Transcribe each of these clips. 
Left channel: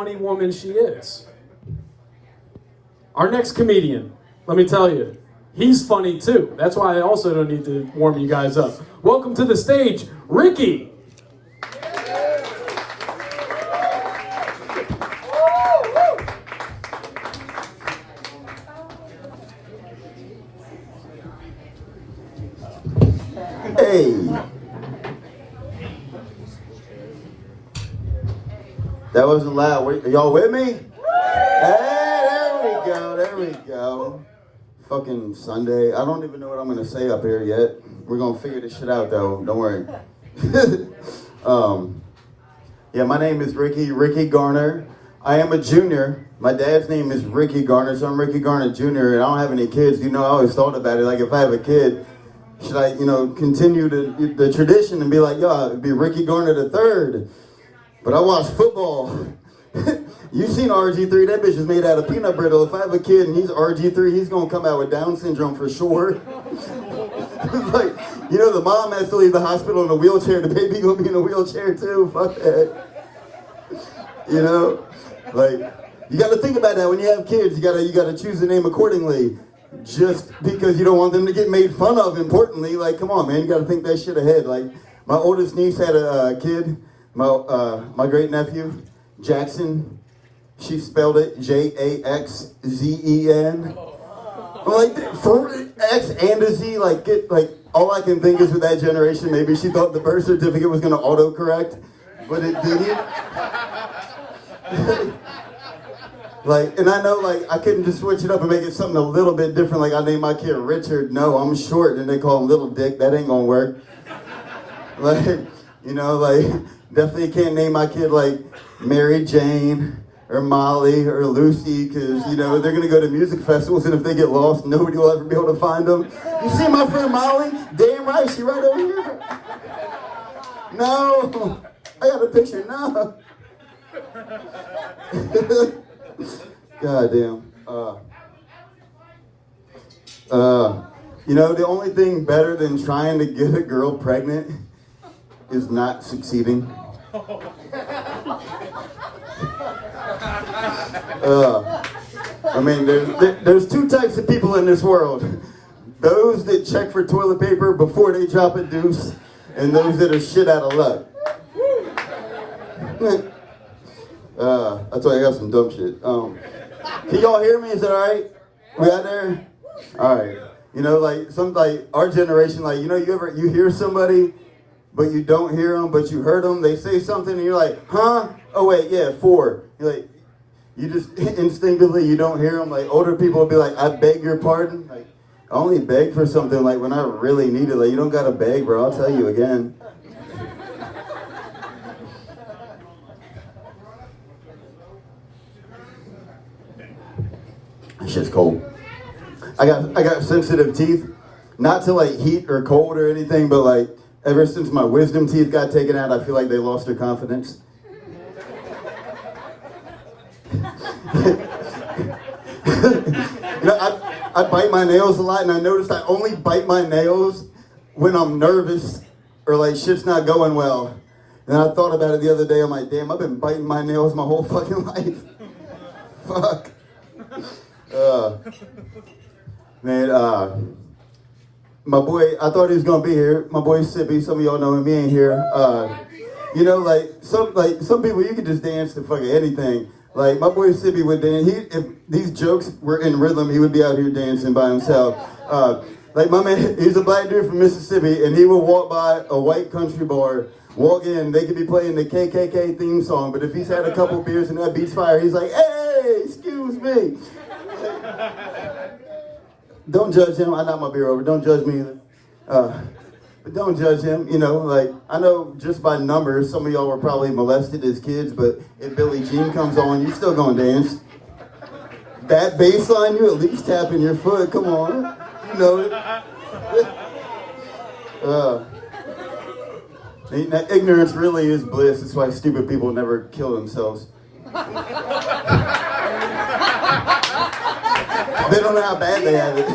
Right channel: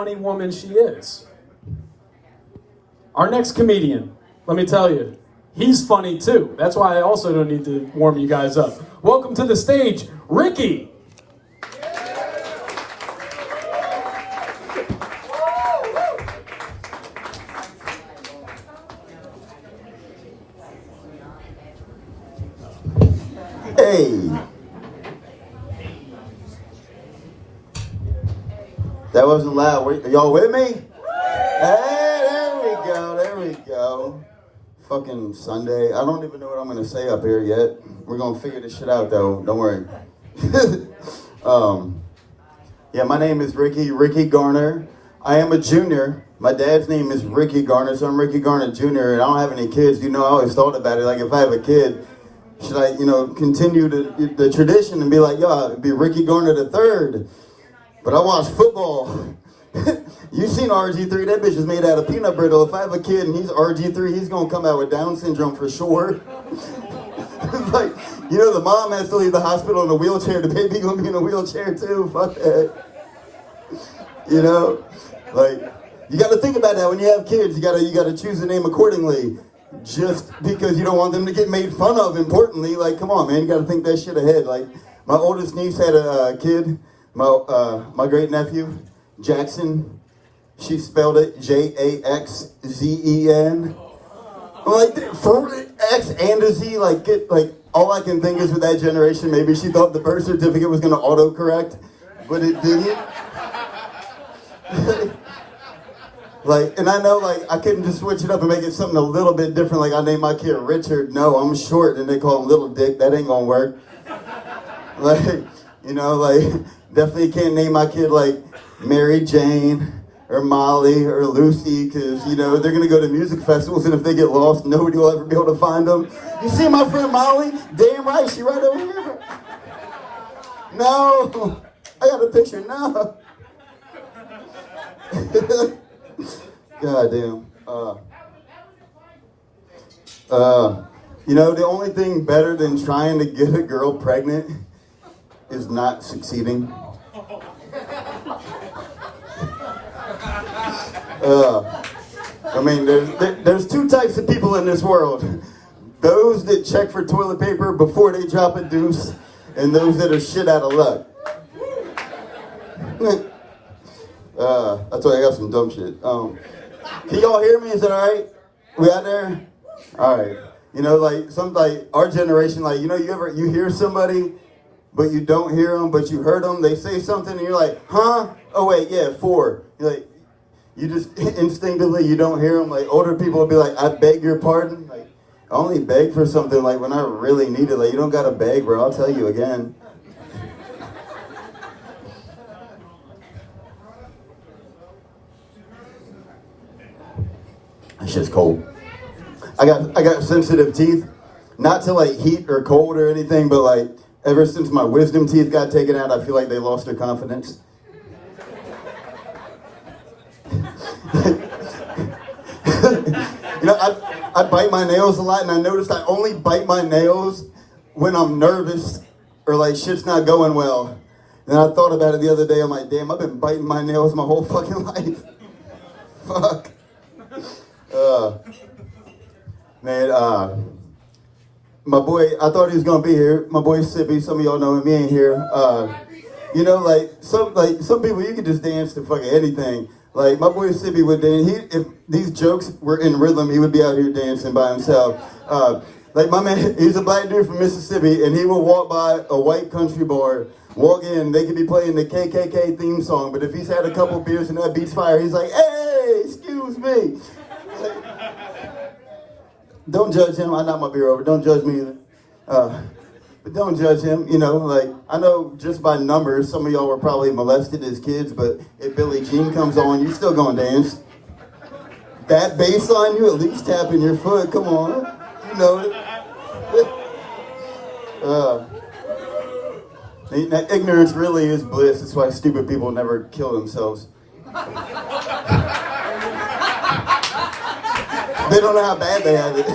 funny woman she is. Our next comedian, let me tell you, he's funny too. That's why I also don't need to warm you guys up. Welcome to the stage, Rickey. Hey, that wasn't loud. Wait, are y'all with me? Hey, there we go. Fucking Sunday. I don't even know what I'm gonna say up here yet. We're gonna figure this shit out though. Don't worry. Yeah, my name is Rickey Garner. I am a junior. My dad's name is Rickey Garner, so I'm Rickey Garner Jr. and I don't have any kids. You know, I always thought about it. Like, if I have a kid, should I, continue the tradition and be like, yo, it'd be Rickey Garner the third. But I watch football. You seen RG3, that bitch is made out of peanut brittle. If I have a kid and he's RG3, he's gonna come out with Down syndrome for sure. Like, the mom has to leave the hospital in a wheelchair, the baby gonna be in a wheelchair too, fuck that. Like, you gotta think about that when you have kids, you gotta choose a name accordingly. Just because you don't want them to get made fun of, importantly. Like, come on, man, you gotta think that shit ahead. Like, my oldest niece had a kid, my great nephew, Jackson. She spelled it Jaxzen. I'm like, for X and a Z, all I can think is with that generation, maybe she thought the birth certificate was gonna autocorrect, but it didn't. And I know, I couldn't just switch it up and make it something a little bit different. Like, I named my kid Richard. No, I'm short, and they call him Little Dick. That ain't gonna work. Definitely can't name my kid, Mary Jane or Molly or Lucy, because, they're gonna go to music festivals, and if they get lost, nobody will ever be able to find them. You see my friend Molly? Damn right, she right over here. No, I got a picture now. God damn. The only thing better than trying to get a girl pregnant is not succeeding. There's two types of people in this world. Those that check for toilet paper before they drop a deuce, and those that are shit out of luck. That's why I got some dumb shit. Can y'all hear me? Is that all right? We out there? All right. Our generation, you hear somebody, but you don't hear them, but you heard them. They say something, and you're like, huh? Oh wait, yeah, 4. You're like, you just instinctively, you don't hear them. Older people will be like, I beg your pardon. I only beg for something when I really need it. You don't gotta beg, bro. I'll tell you again. That shit's cold. I got sensitive teeth, not to heat or cold or anything, but ever since my wisdom teeth got taken out, I feel like they lost their confidence. I bite my nails a lot, and I noticed I only bite my nails when I'm nervous or shit's not going well. And I thought about it the other day. I'm like, damn, I've been biting my nails my whole fucking life. Fuck. My boy, I thought he was gonna be here. My boy Sippy, some of y'all know him, he ain't here. Some people, you can just dance to fucking anything. My boy Sippy would dance. If these jokes were in rhythm, he would be out here dancing by himself. My man, he's a black dude from Mississippi, and he will walk by a white country bar, walk in, they could be playing the KKK theme song, but if he's had a couple beers and that beats fire, he's like, hey, excuse me. Don't judge him. I knocked my beer over. Don't judge me either. But don't judge him. I know just by numbers, some of y'all were probably molested as kids, but if Billie Jean comes on, you still gonna dance. That bass line, you at least tapping your foot. Come on. You know it. That ignorance really is bliss. That's why stupid people never kill themselves. They don't know how bad they have it.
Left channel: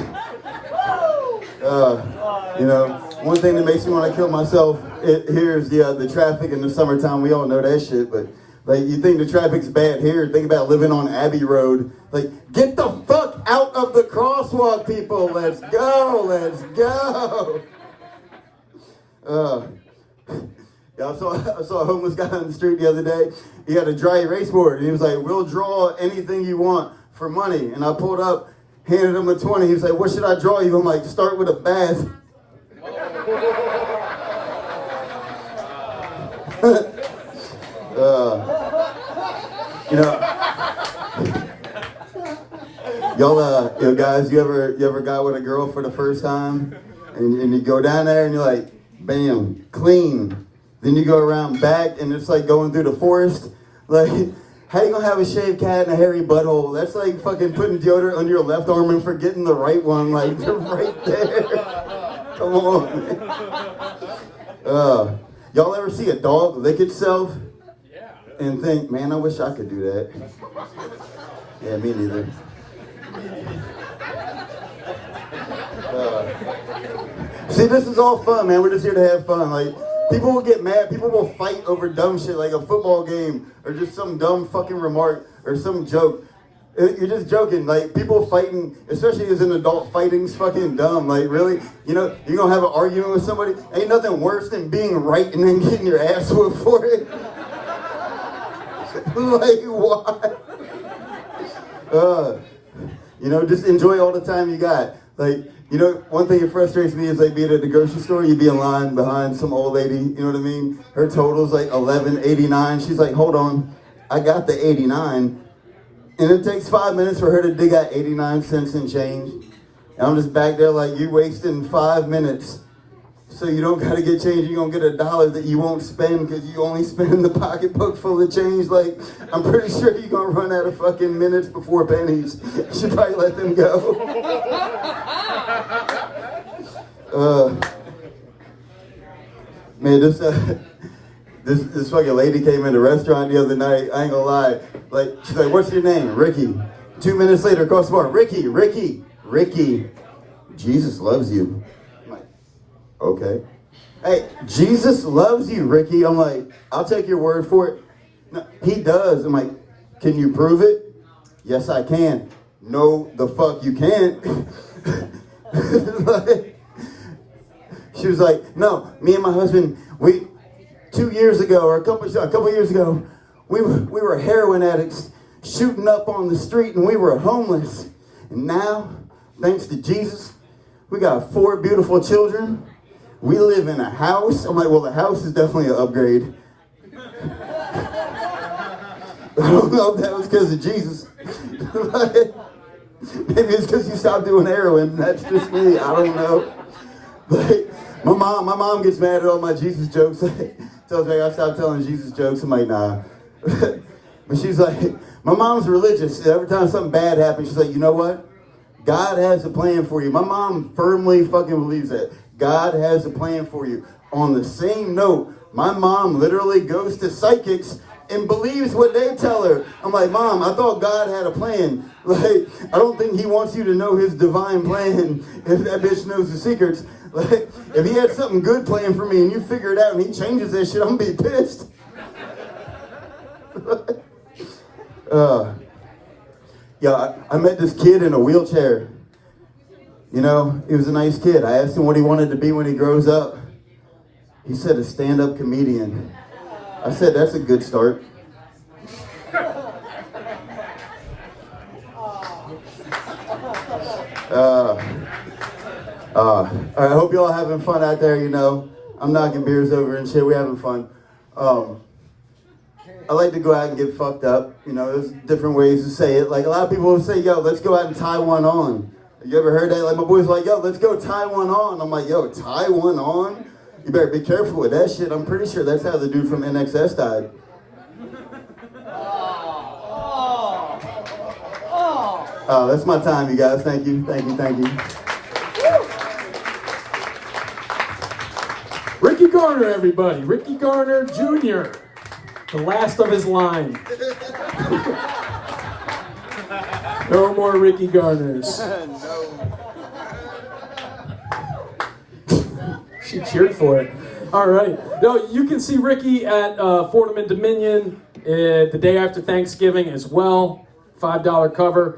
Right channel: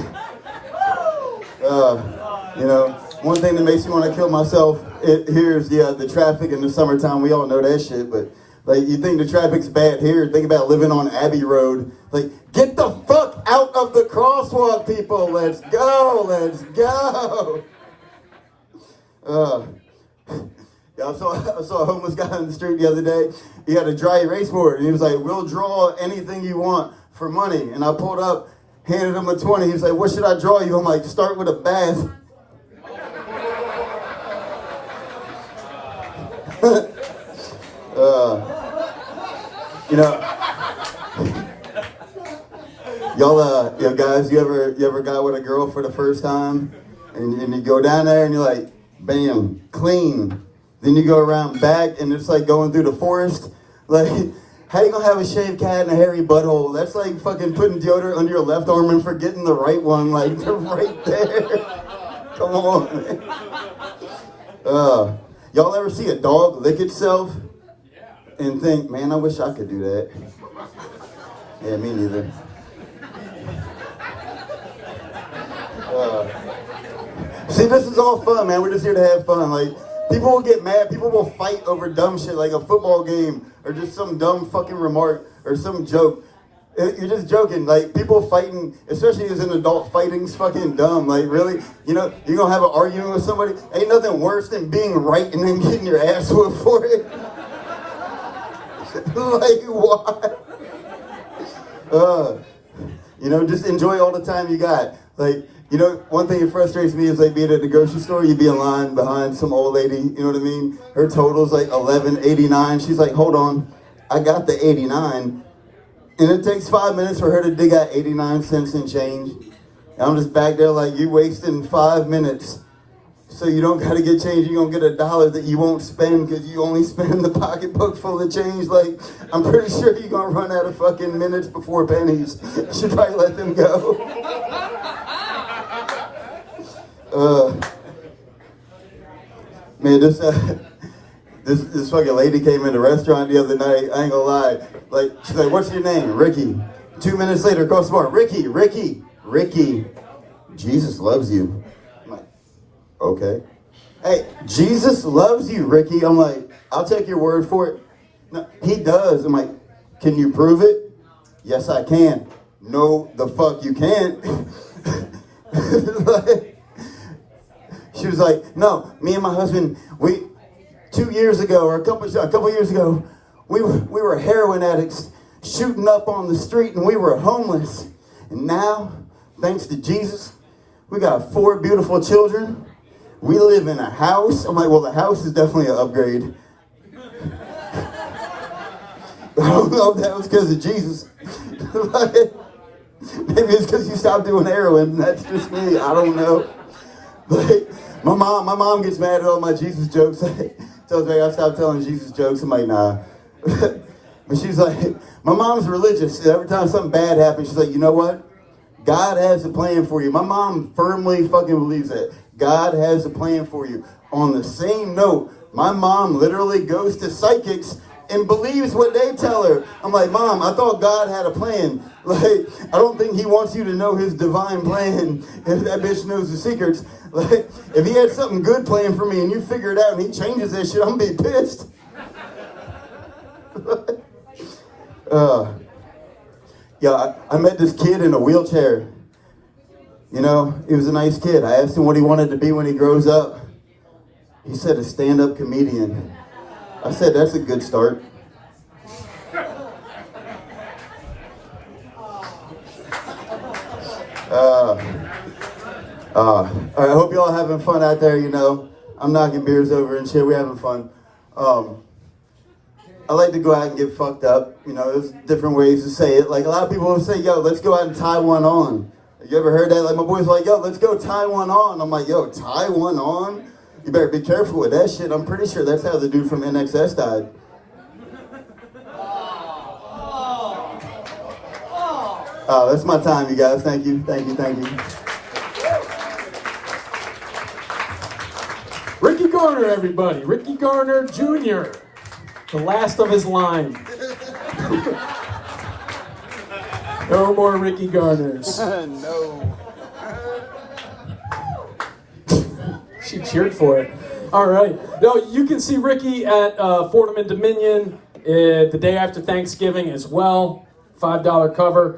One thing that makes me want to kill myself, here's the traffic in the summertime. We all know that shit, but Like, you think the traffic's bad here, think about living on Abbey Road. Like, get the fuck out of the crosswalk, people. Let's go, let's go. Yeah, I saw a homeless guy on the street the other day. He had a dry erase board, and he was like, we'll draw anything you want for money. And I pulled up, handed him a 20. He's like, what should I draw you? I'm like, start with a bath. You know, y'all, guys, you ever got with a girl for the first time, and you go down there and you're like, bam, clean. Then you go around back and it's like going through the forest. Like, how you gonna have a shaved cat and a hairy butthole? That's like fucking putting deodorant under your left arm and forgetting the right one, like right there. Come on, man. Y'all ever see a dog lick itself and think, man, I wish I could do that? Yeah, me neither. See, this is all fun, man. We're just here to have fun. Like, people will get mad. People will fight over dumb shit, like a football game or just some dumb fucking remark or some joke. You're just joking. Like, people fighting, especially as an adult, fighting's fucking dumb. Like, really? You know, you're gonna have an argument with somebody? Ain't nothing worse than being right and then getting your ass whooped for it. Like, why? You know, just enjoy all the time you got. Like, you know, one thing that frustrates me is like being at the grocery store, you'd be in line behind some old lady, you know what I mean? Her total's like $11.89. She's like, hold on, I got the 89. And it takes 5 minutes for her to dig out 89 cents and change. And I'm just back there like, you wasting 5 minutes. So you don't gotta get change, you're gonna get $1 that you won't spend because you only spend the pocketbook full of change. Like, I'm pretty sure you're gonna run out of fucking minutes before pennies. You should probably let them go. Man, this fucking lady came in the restaurant the other night. I ain't gonna lie. Like, she's like, what's your name? Ricky. 2 minutes later, across the bar, Ricky. Jesus loves you. I'm like, okay. Hey, Jesus loves you, Ricky. I'm like, I'll take your word for it. No, he does. I'm like, can you prove it? Yes, I can. No, the fuck you can't. Like, she was like, no, me and my husband, 2 years ago, or a couple years ago, we were heroin addicts shooting up on the street and we were homeless. And now, thanks to Jesus, we got 4 beautiful children. We live in a house. I'm like, well, the house is definitely an upgrade. I don't know if that was because of Jesus. Maybe it's because you stopped doing heroin. That's just me. I don't know. But my mom gets mad at all my Jesus jokes. Tells me I gotta stop telling Jesus jokes. I'm like, nah. But she's like, my mom's religious. Every time something bad happens, she's like, you know what? God has a plan for you. My mom firmly fucking believes that. God has a plan for you. On the same note, my mom literally goes to psychics and believes what they tell her. I'm like, Mom, I thought God had a plan. Like, I don't think he wants you to know his divine plan if that bitch knows the secrets. Like, if he had something good planned for me and you figure it out and he changes that shit, I'm gonna be pissed. Yeah, I met this kid in a wheelchair. You know, he was a nice kid. I asked him what he wanted to be when he grows up. He said a stand-up comedian. I said, that's a good start. All right, I hope y'all having fun out there, you know. I'm knocking beers over and shit. We're having fun. I like to go out and get fucked up. You know, there's different ways to say it. Like, a lot of people will say, yo, let's go out and tie one on. You ever heard that? Like, my boys are like, yo, let's go tie one on. I'm like, yo, tie one on? You better be careful with that shit. I'm pretty sure that's how the dude from NXS died. Oh, that's my time, you guys. Thank you. Rickey Garner, everybody. Rickey Garner Jr., the last of his line. No more Rickey Garners. No. She cheered for it. All right. No, you can see Rickey at Fordham and Dominion the day after Thanksgiving as well. $5 cover.